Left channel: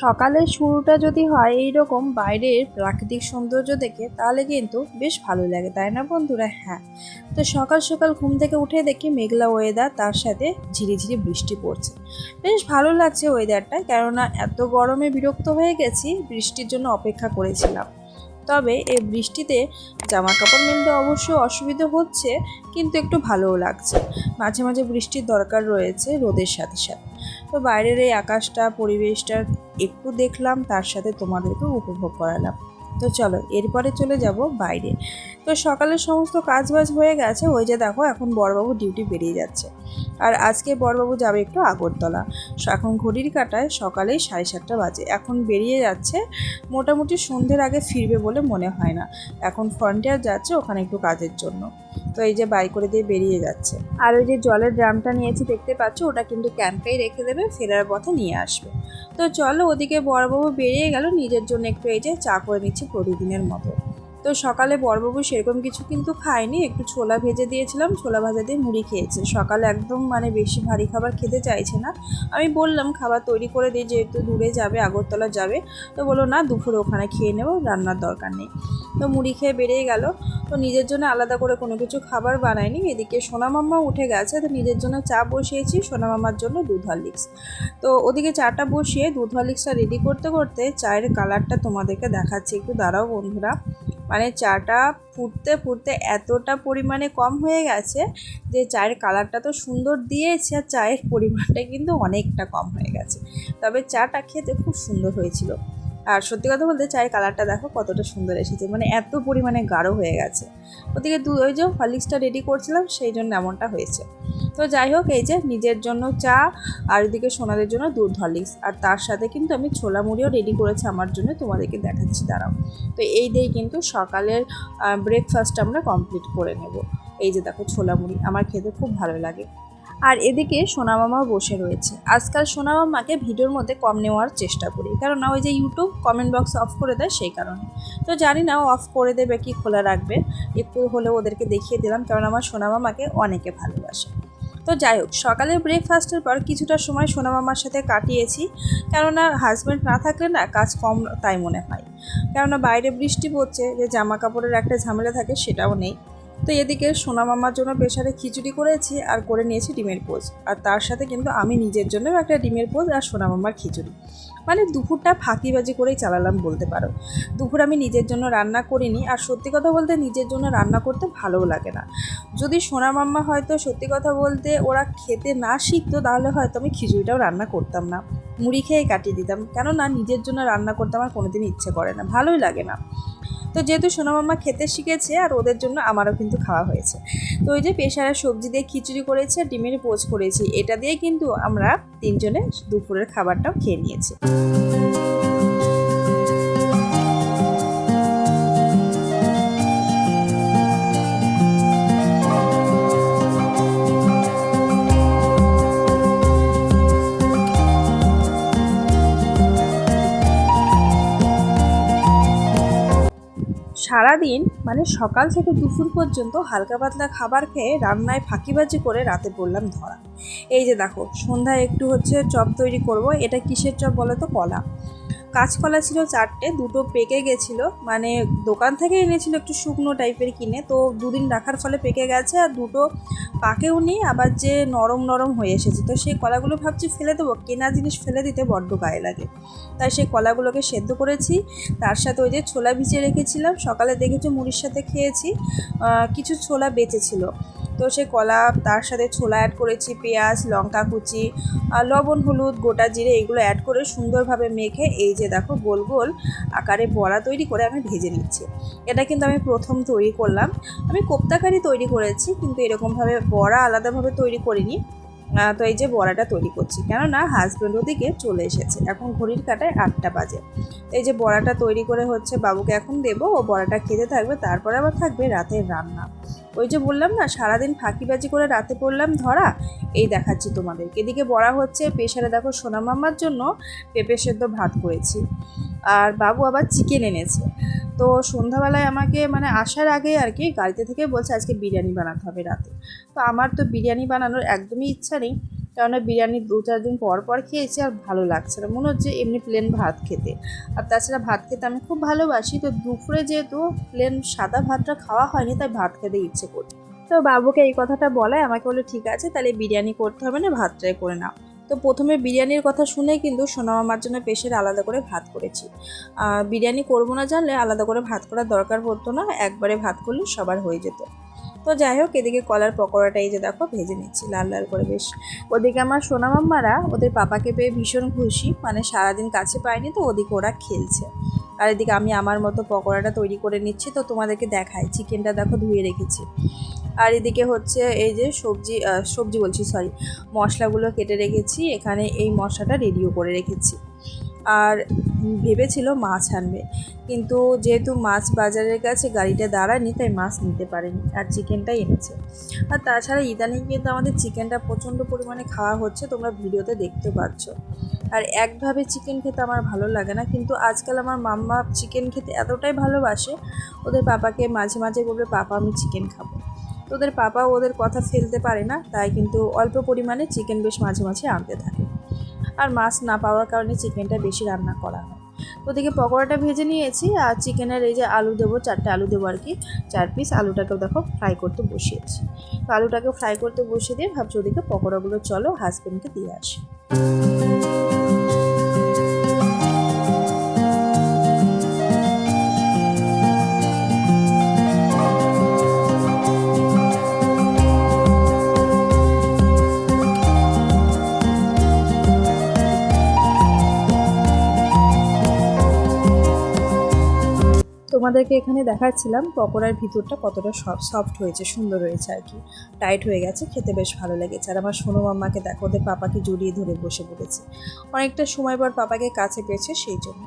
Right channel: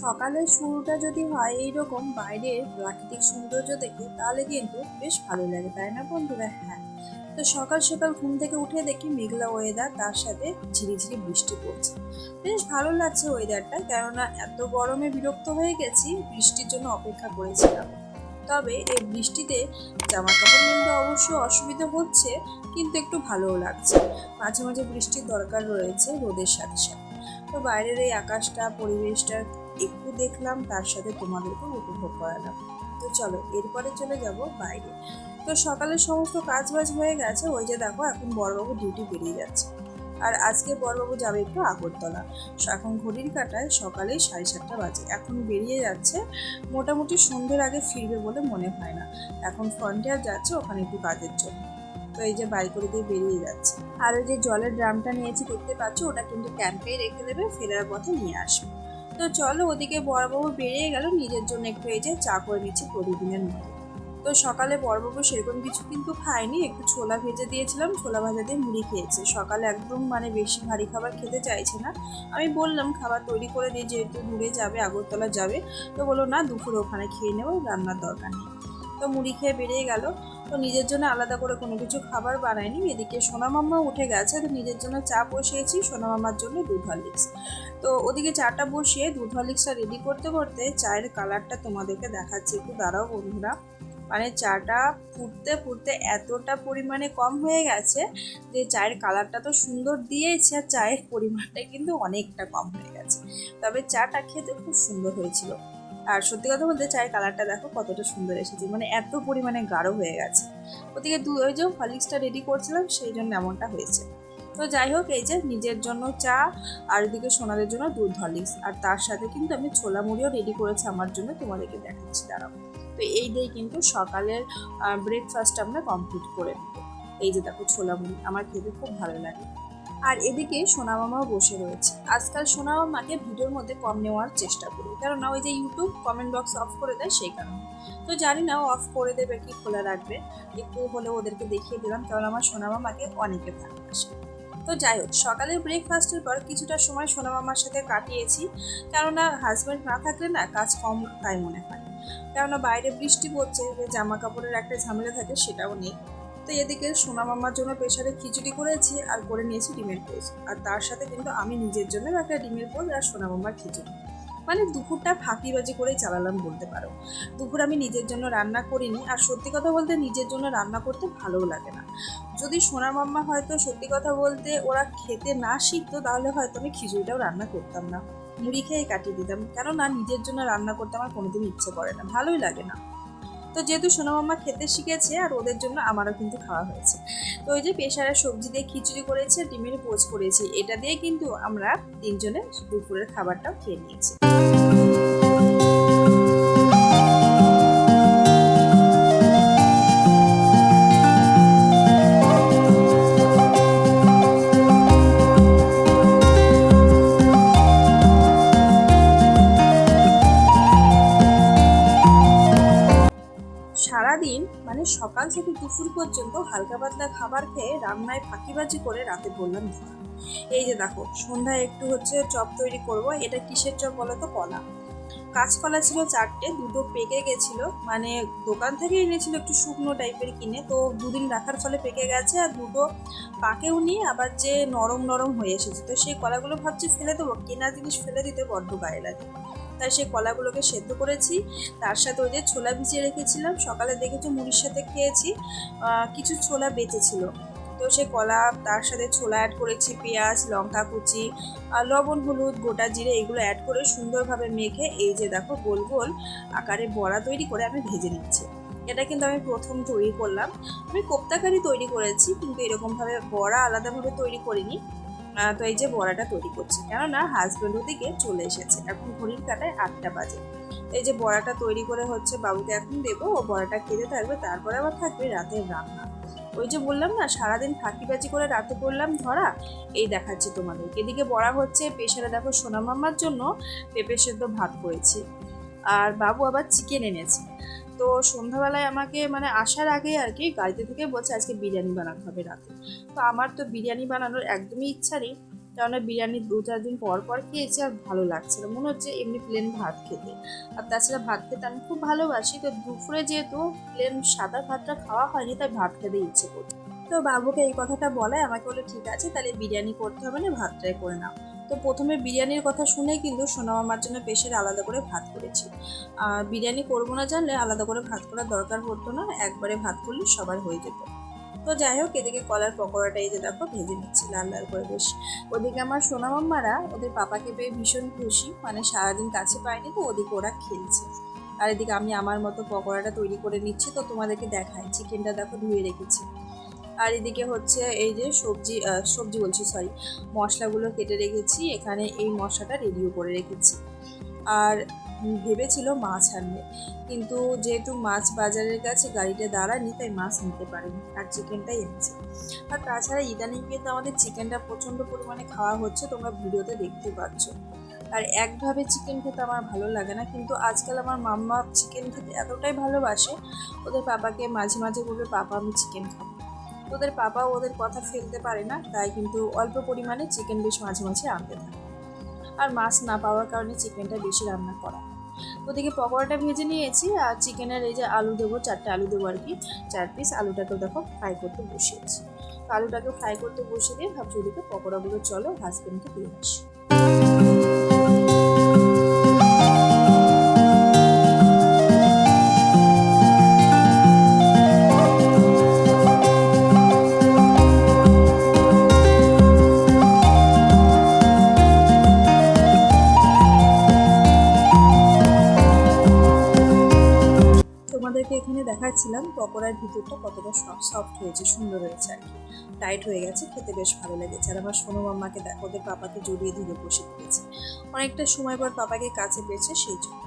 সকালের শুরুটা যদি হয় এইরকম বাইরের প্রাকৃতিক সৌন্দর্য দেখে, তাহলে কিন্তু বেশ ভালো লাগে, তাই না বন্ধুরা? হ্যাঁ। তো সকাল সকাল ঘুম থেকে উঠে দেখি মেঘলা ওয়েদার তার সাথে ঝিরিঝিরি বৃষ্টি পড়ছে। বেশ ভালো লাগছে ওয়েদারটা কেননা এত গরমে বিরক্ত হয়ে গেছি, বৃষ্টির জন্য অপেক্ষা করেছিলাম। তবে এ বৃষ্টিতে জামা কাপড় মেলতে অবশ্যই অসুবিধা হচ্ছে, কিন্তু একটু ভালোও লাগছে। মাঝে মাঝে বৃষ্টির দরকার রয়েছে রোদের সাথে সাথে। তো বাইরের এই আকাশটা, পরিবেশটা একটু দেখলাম, তার সাথে তোমাদেরকেও উপভোগ করালাম। তো চলো, এরপরে চলে যাব বাইরে। তো সকালের সমস্ত কাজ বাজ হয়ে গেছে, ওই যে দেখো এখন বড়বাবু ডিউটি বেরিয়ে যাচ্ছে। আর আজকে বড়বাবু যাবে একটু আগরতলা। এখন ঘড়ির কাটায় সকালেই সাড়ে সাতটা বাজে। এখন বেরিয়ে যাচ্ছে, মোটামুটি সন্ধ্যের আগে ফিরবে বলে মনে হয় না। এখন ফ্রন্টিয়ার যাচ্ছে, ওখানে একটু কাজের জন্য। তো এই যে বাই করে দিয়ে বেরিয়ে যাচ্ছে। আর ওই যে জলের ড্রামটা নিয়েছি, দেখতে পাচ্ছ? ওটা কিন্তু ক্যাম্পেই রেখে দেবে, ফেরার পথে নিয়ে আসবে। তো চলো ওদিকে বড়বাবু বেরিয়ে গেল, নিজের জন্য একটু এই যে চা করে নিচ্ছি প্রতিদিনের মতো। তো সকালে বড়বাবু সেরকম কিছু কিন্তু খায়নি, একটু ছোলা ভেজে দিয়েছিলাম, ছোলা ভাজা দিয়ে মুড়ি খেয়েছে। সকালে একদম মানে বেশি ভারী খাবার খেতে চাইছে না। আমি বললাম, খাবার তৈরি করে দিই যেহেতু দূরে যাবে, আগরতলা যাবে। তো বলো না, দুপুরে ওখানে খেয়ে নেব, রান্নার দরকার নেই। তো মুড়ি খেয়ে বেরিয়ে গেল। তো নিজের জন্য আলাদা করে কোনো কিছু খাবার বানায়নি। এদিকে সোনা মাম্মা উঠে গেছে, তো নিজের জন্য চা বসিয়েছি, সোনা মাম্মার জন্য দুধ হরলিক্স তো ওদিকে চাটা বসিয়ে দুধ হরলিক্সটা রেডি করতে করতে চায়ের কালারটা তোমাদেরকে দেখাচ্ছি। একটু দাঁড়াও বন্ধুরা। মানে চাটা ফুটতে ফুটতে এতটা পরিমাণে কম হয়ে গেছে যে চায়ের কালারটা তো সুন্দর দিয়েছে আর চায়ের পরিমাণটা কিন্তু অনেকটা কম হয়ে গেছে। তবে চাটা খেতে খুব সুন্দর হয়েছিল। আর সত্যি কথা বলতে চায়ের কালারটা দেখো কতটা সুন্দর এসেছে মানে এত পরিমাণে গাঢ় হয়ে গেছে। ওদিকে দু ওই যে হরলিক্সটা রেডি করছিলাম, সেই জন্য এমনটা হয়েছে। তো যাই হোক, এই যে নিজের জন্য চা আর ওদিকে সোনাদের জন্য দুধ হরলিক্স। আর তার সাথে কিন্তু আমি ছোলা মুড়িও রেডি করেছি আমার জন্য, তোমাদেরকে দেখাচ্ছি, দাঁড়াও। তো এই দিয়েই কিন্তু সকালের ব্রেকফাস্ট আমরা কমপ্লিট করে নেব। এই যে দেখো ছোলা মুড়ি, আমার খেতে খুব ভালো লাগে। আর এদিকে সোনামামাও বসে রয়েছে। আজকাল সোনামামাকে ভিডিওর মধ্যে কম নেওয়ার চেষ্টা করি কারণ ওই যে ইউটিউব কমেন্ট বক্স অফ করে দেয় সেই কারণে। তো জানি না অফ করে দেবে কি, খোলা রাখবে, একটু হলেও ওদেরকে দেখিয়ে দিলাম, কারণ আমার সোনামামাকে অনেকে ভালোবাসে। তো যাই হোক, সকালের ব্রেকফাস্টের পর কিছুটা সময় সোনা মামার সাথে কাটিয়েছি। কেননা হাজব্যান্ড না থাকলে না কাজ কম তাই মনে হয়। কেননা বাইরে বৃষ্টি পড়ছে, যে জামা কাপড়ের একটা ঝামেলা থাকে সেটাও নেই। তো এদিকে সোনা মামার জন্য প্রেশারে খিচুড়ি করেছি আর করে নিয়েছি ডিমের পোজ আর তার সাথে কিন্তু আমি নিজের জন্য একটা ডিমের পোজ আর সোনা মামার খিচুড়ি। মানে দুপুরটা ফাঁকিবাজি করেই চালালাম বলতে পারো। দুপুর আমি নিজের জন্য রান্না করিনি আর সত্যি কথা বলতে নিজের জন্য রান্না করতে ভালোও লাগে না। যদি সোনা মাম্মা হয়তো সত্যি কথা বলতে ওরা খেতে না শিখতো তাহলে হয়তো আমি খিচুড়িটাও রান্না করতাম না। মুড়ি খেয়ে কাটিয়ে দিতাম। কেননা নিজের জন্য রান্না করতে আমার কোনোদিন ইচ্ছে করে না। ভালোই লাগে না। তো যেহেতু সোনামাম্মা খেতে শিখেছে আর ওদের জন্য আমারও কিন্তু খাওয়া হয়েছে। তো ওই যে পেশারা সবজি দিয়ে খিচুড়ি করেছে, ডিমের পোচ করেছি, এটা দিয়ে কিন্তু আমরা তিনজনে দুপুরের খাবারটাও খেয়ে নিয়েছি। মানে সকাল থেকে দুপুর পর্যন্ত হালকা পাতলা খাবার খেয়ে রান্নায় ফাঁকিবাজি করে রাতে পড়লাম ধরা। এই যে দেখো, সন্ধ্যায় একটু হচ্ছে চপ তৈরি করব, এটা কিসের চপ বলো তো? কলা। কাঁচকলা ছিল চারটে, দুটো পেকে গেছিল। মানে দোকান থেকে এনেছিল একটু শুকনো টাইপের কিনে। তো দুদিন রাখার ফলে পেকে গেছে আর দুটো পাকেও নেই, আবার যে নরম নরম হয়ে এসেছে। তো সেই কলাগুলো ভাবছি ফেলে দেবো, কেনা জিনিস ফেলে দিতে বড্ড গায়ে লাগে। তাই সেই কলাগুলোকে সেদ্ধ করেছি। তার সাথে ওই যে ছোলা ভিজিয়ে রেখেছিলাম। সকালে দেখেছি মুড়ির সাথে খেয়েছি। কিছু ছোলা বেঁচেছিল। তো সে কলা তার সাথে ছোলা অ্যাড করেছি, পেঁয়াজ, লঙ্কা কুচি লবণ, হলুদ, গোটা জিরে এগুলো অ্যাড করে সুন্দরভাবে মেখে এই যে দেখো গোল গোল আকারে বড়া তৈরি করে আমি ভেজে নিচ্ছি। এটা কিন্তু আমি প্রথম তৈরি করলাম। আমি কোপ্তাকারি তৈরি করেছি কিন্তু এরকমভাবে বড়া আলাদাভাবে তৈরি করিনি। তো এই যে বড়াটা তৈরি করছি। কেননা হাজব্যান্ড ওদিকে চলে এসেছে। এখন ঘড়ির কাটায় আটটা বাজে। এই যে বড়াটা তৈরি করে হচ্ছে বাবুকে এখন দেবো। ও বড়াটা খেতে থাকবে, তারপরে আবার থাকবে রাতের রান্না। ওই যে বললাম না, সারাদিন ফাঁকিবাজি করে রাতে পড়লাম ধরা। এই দেখাচ্ছি তোমাদেরকে। এদিকে বড়া হচ্ছে প্রেশারে দেখো সোনা মামার জন্য পেঁপে সেদ্ধ ভাত করেছি। আর বাবু আবার চিকেন এনেছে। তো সন্ধ্যাবেলায় আমাকে মানে আসার আগে আর কি গাড়িতে থেকে বলছে আজকে বিরিয়ানি বানাতে হবে রাতে। তো আমার তো বিরিয়ানি বানানোর একদমই ইচ্ছা নেই, কেননা বিরিয়ানি দু চার দিন পর পর খেয়েছি আর ভালো লাগছে না। মনে হচ্ছে এমনি প্লেন ভাত খেতে। আর তাছাড়া ভাত খেতে আমি খুব ভালোবাসি, তো দুপুরে যেহেতু প্লেন সাদা ভাতটা খাওয়া হয়নি, তাই ভাত খেতে ইচ্ছে করছে তো বাবুকে এই কথাটা বলায় আমাকে বলল, ঠিক আছে, তাহলে বিরিয়ানি করতে হবে না, ভাতটাই করে নাও। তো প্রথমে বিরিয়ানির কথা শুনে কিন্তু সোনামামার জন্য পেশের আলাদা করে ভাত করেছি। বিরিয়ানি করব না জানলে আলাদা করে ভাত করার দরকার পড়তো না, একবারে ভাত করলে সবার হয়ে যেত। তো যাই হোক, এদিকে কলার পকোড়াটা এই যে দেখো, ভেজে নিচ্ছি লাল লাল করে বেশ। ওদিকে আমার সোনামাম্মারা ওদের পাপাকে পেয়ে ভীষণ খুশি মানে সারাদিন কাছে পায়নি তো, ওদিকে ওরা খেলছে। আর এদিকে আমি আমার মতো পকোড়াটা তৈরি করে নিচ্ছি, তো তোমাদেরকে দেখাই। চিকেনটা দেখো ধুয়ে রেখেছি। আর এদিকে হচ্ছে এই যে সবজি সবজি বলছি সরি মশলাগুলো কেটে রেখেছি, এখানে এই মশলাটা রেডিও করে রেখেছি। আর ভেবেছিল মাছ আনবে, কিন্তু যেহেতু মাছ বাজারের কাছে গাড়িটা দাঁড়ায়নি, তাই মাছ নিতে পারেনি, আর চিকেনটাই এনেছে। আর তাছাড়া ইদানিং কিন্তু আমাদের চিকেনটা প্রচণ্ড পরিমাণে খাওয়া হচ্ছে, তোমরা ভিডিওতে দেখতে পাচ্ছ। আর একভাবে চিকেন খেতে আমার ভালো লাগে না, কিন্তু আজকাল আমার মাম্মা চিকেন খেতে এতটাই ভালোবাসে, ওদের পাপাকে মাঝে মাঝে বলবে, পাপা, আমি চিকেন খাব। তো ওদের পাপা ওদের কথা ফেলতে পারে না, তাই কিন্তু অল্প পরিমাণে চিকেন বেশ মাঝে মাঝে আনতে থাকে। আর মাছ না পাওয়ার কারণে চিকেনটা বেশি রান্না করা হয়। ওদিকে পকোড়াটা ভেজে নিয়েছি, আর চিকেনের এই যে আলু দেবো, চারটে আলু দেবো আর কি, চার পিস আলুটাকেও দেখো ফ্রাই করতে বসিয়েছি। তো আলুটাকে ফ্রাই করতে বসিয়ে দিয়ে ভাবছি ওদিকে পকোড়াগুলো চলো হাজব্যান্ডকে দিয়ে আসি। তোমাদেরকে এখানে দেখাচ্ছিলাম পকোড়ার ভিতরটা কতটা সফট সফট হয়েছে, সুন্দর হয়েছে আর কি। টাইট হয়ে গেছে, খেতে বেশ ভালো লেগেছে। আর আমার সোনু মাম্মাকে দেখো, ওদের পাপাকে জড়িয়ে ধরে বসে পড়েছে। অনেকটা সময় পর পাপাকে কাছে পেয়েছে সেই জন্য।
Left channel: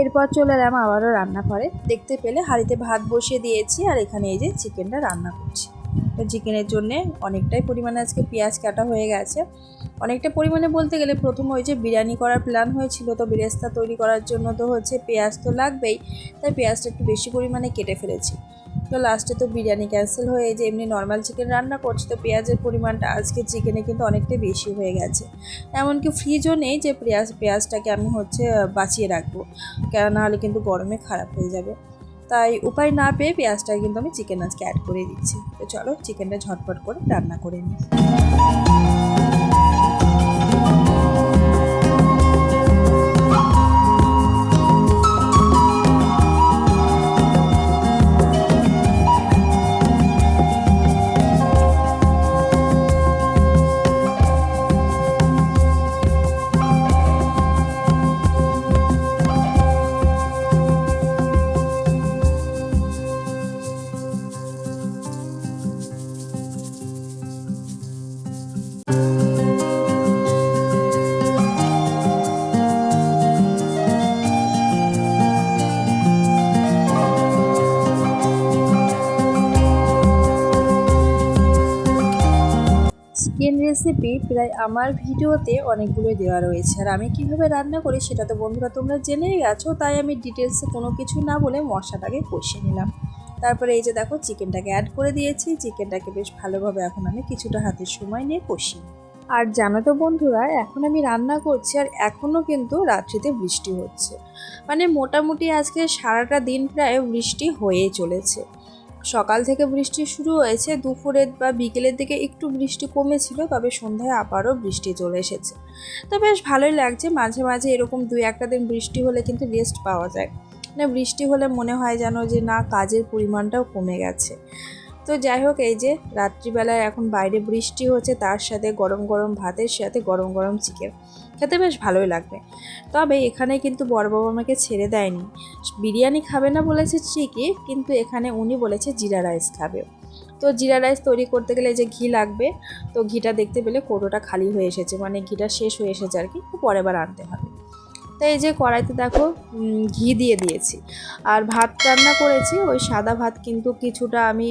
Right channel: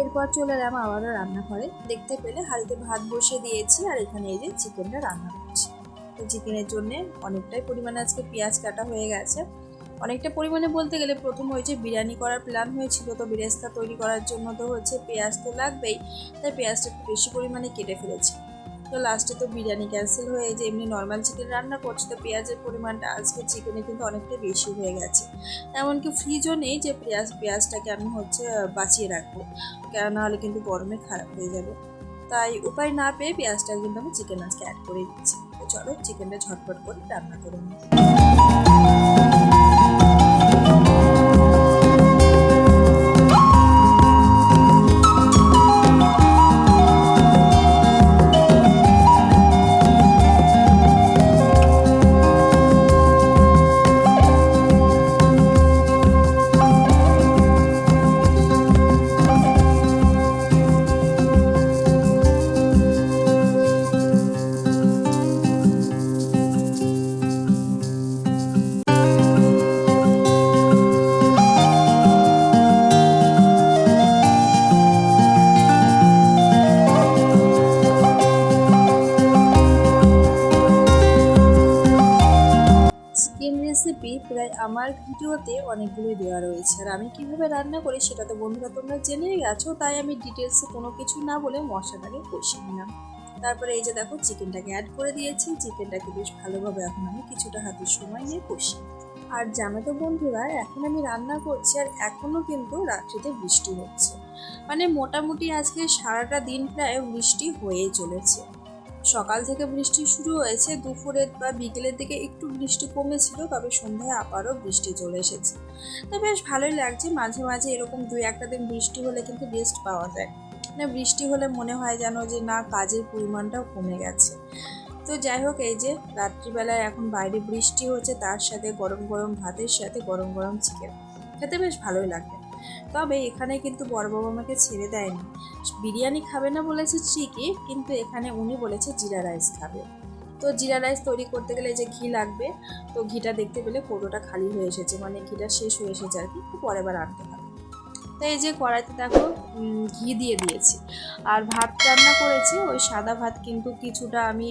এরপর চলে এলাম আবারও রান্না করে দেখতে পেলে হাঁড়িতে ভাত বসিয়ে দিয়েছি আর এখানে এই যে চিকেনটা রান্না করছি। তো চিকেনের জন্যে অনেকটাই পরিমাণে আজকে পেঁয়াজ কাটা হয়ে গেছে। অনেকটা পরিমাণে বলতে গেলে প্রথম ওই যে বিরিয়ানি করার প্ল্যান হয়েছিল, তো বিরেস্তা তৈরি করার জন্য তো হচ্ছে পেঁয়াজ তো লাগবেই, তাই পেঁয়াজটা একটু বেশি পরিমাণে কেটে ফেলেছি। তো লাস্টে তো বিরিয়ানি ক্যান্সেল হয়ে যে এমনি নর্মাল চিকেন রান্না করছি, তো পেঁয়াজের পরিমাণটা আজকে চিকেনে কিন্তু অনেকটাই বেশি হয়ে গেছে। এমনকি ফ্রিজও নেই যে পেঁয়াজ, পেঁয়াজটাকে আমি হচ্ছে বাঁচিয়ে রাখব, কেন নাহলে কিন্তু গরমে খারাপ হয়ে যাবে। তাই উপায় না পেয়ে পেঁয়াজটা কিন্তু আমি চিকেন আজকে অ্যাড করে দিচ্ছি। তো চলো চিকেনটা ঝটপট করে রান্না করে নিই। চিকেন রেসিপি প্রায় আমার ভিডিওতে অনেকগুলো দেওয়া রয়েছে। আর আমি কীভাবে রান্না করি সেটা তো বন্ধুরা তোমরা জেনে গেছো, তাই আমি ডিটেলসে কোনো কিছু না বলে মশলাটাকে কষিয়ে নিলাম। তারপরে এই যে দেখো, চিকেনটাকে অ্যাড করে দিয়েছি। চিকেনটাকে বেশ ভালোভাবে এখন আমি কিছুটা হাতের সময় নিয়ে কষি। আর জানো তো বন্ধুরা, এখন আমি রান্না করছি আর এখনও কিন্তু রাত্রিতে বৃষ্টি হচ্ছে। মানে মোটামুটি আজকে সারাটা দিন প্রায় বৃষ্টি হয়েই চলেছে। সকাল থেকে বৃষ্টি শুরু হয়েছে। দুপুরের বা বিকেলের দিকে একটু বৃষ্টি কমেছিল, তবে সন্ধ্যায় আবারও বৃষ্টি চলে এসেছে। তো বেশ ভালোই লাগছে। মাঝে মাঝে এরকম দুই একটা দিন বৃষ্টি হলে কিন্তু রেস্ট পাওয়া যায়। না বৃষ্টি হলে মনে হয় যেন যে, না, কাজের পরিমাণটাও কমে গেছে। তো যাই হোক, এই যে রাত্রিবেলায় এখন বাইরে বৃষ্টি হচ্ছে, তার সাথে গরম গরম ভাতের সাথে গরম গরম চিকেন। খেতে বেশ ভালোই লাগবে। তবে এখানে কিন্তু বড় বাবা আমাকে ছেড়ে দেয়নি। বিরিয়ানি খাবে না বলেছে ঠিকই, কিন্তু এখানে উনি বলেছে জিরা রাইস খাবে। তো জিরা রাইস তৈরি করতে গেলে যে ঘি লাগবে, তো ঘিটা দেখতে পেলে কোটোটা খালি হয়ে এসেছে মানে ঘিটা শেষ হয়ে এসেছে আর কি পরের বার আনতে হবে। তো এই যে কড়াইতে দেখো ঘি দিয়ে দিয়েছি। আর ভাত রান্না করেছি, ওই সাদা ভাত কিন্তু কিছুটা আমি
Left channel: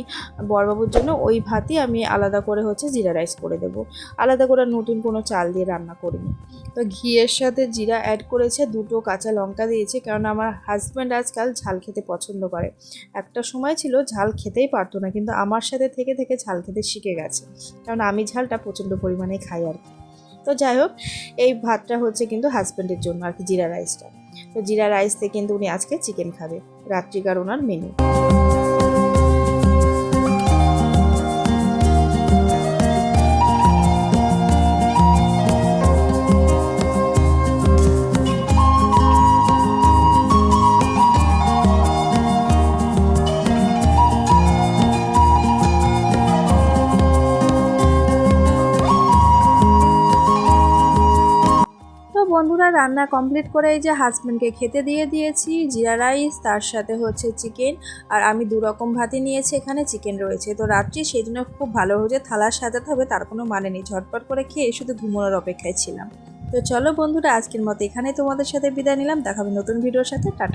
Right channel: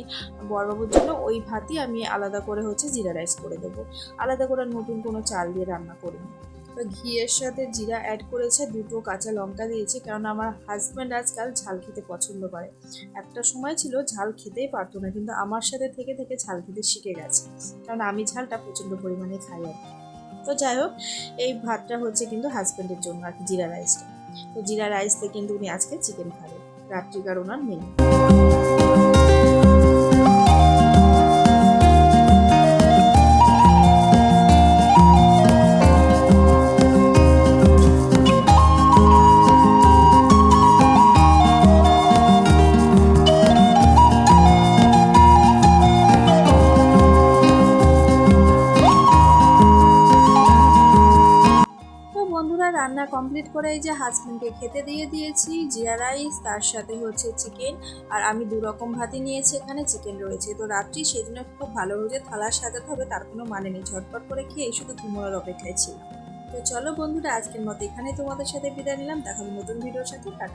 বরবাবুর জন্য ওই ভাতই আমি আলাদা করে হচ্ছে জিরা রাইস করে দেবো। আলাদা করে নতুন কোনো চাল দিয়ে রান্না করিনি। তো ঘিয়ের সাথে জিরা অ্যাড করেছে, দুটো কাঁচা লঙ্কা দিয়েছে, কারণ আমার হাজব্যান্ড আজকাল ঝাল খেতে পছন্দ করে। একটা সময় ছিল ঝাল খেতেই পারতো না, কিন্তু আমার সাথে থেকে থেকে ঝাল খেতে শিখে গেছে। কারণ আমি ঝালটা প্রচণ্ড পরিমাণে খাই আর কি। তো যাই হোক, এই ভাতটা হচ্ছে কিন্তু হাজব্যান্ডের জন্য আর কি, জিরা রাইসটা তো জিরা রাইস রাইসতে কিন্তু উনি আজকে চিকেন খাবে। রাত্রিকার ওনার মেনু বন্ধুরা, রান্না কমপ্লিট করে এই যে হাজব্যান্ডকে খেতে দিয়ে দিয়েছি, জিরা রাইস তার সাথে হচ্ছে চিকেন আর আমি দু রকম ভাতে নিয়েছি, এখানে চিকেন রয়েছে। তো রাত্রি সেই জন্য খুব ভালো হয়েছে, থালার সাজাতে হবে, তার কোনো মানে নেই। ঝটপট করে খেয়ে শুধু ঘুমোনোর অপেক্ষায় ছিলাম। তো চলো বন্ধুরা, আজকের মতো এখানে তোমাদের সাথে বিদায় নিলাম দেখাবে নতুন ভিডিওর সাথে, টাটা।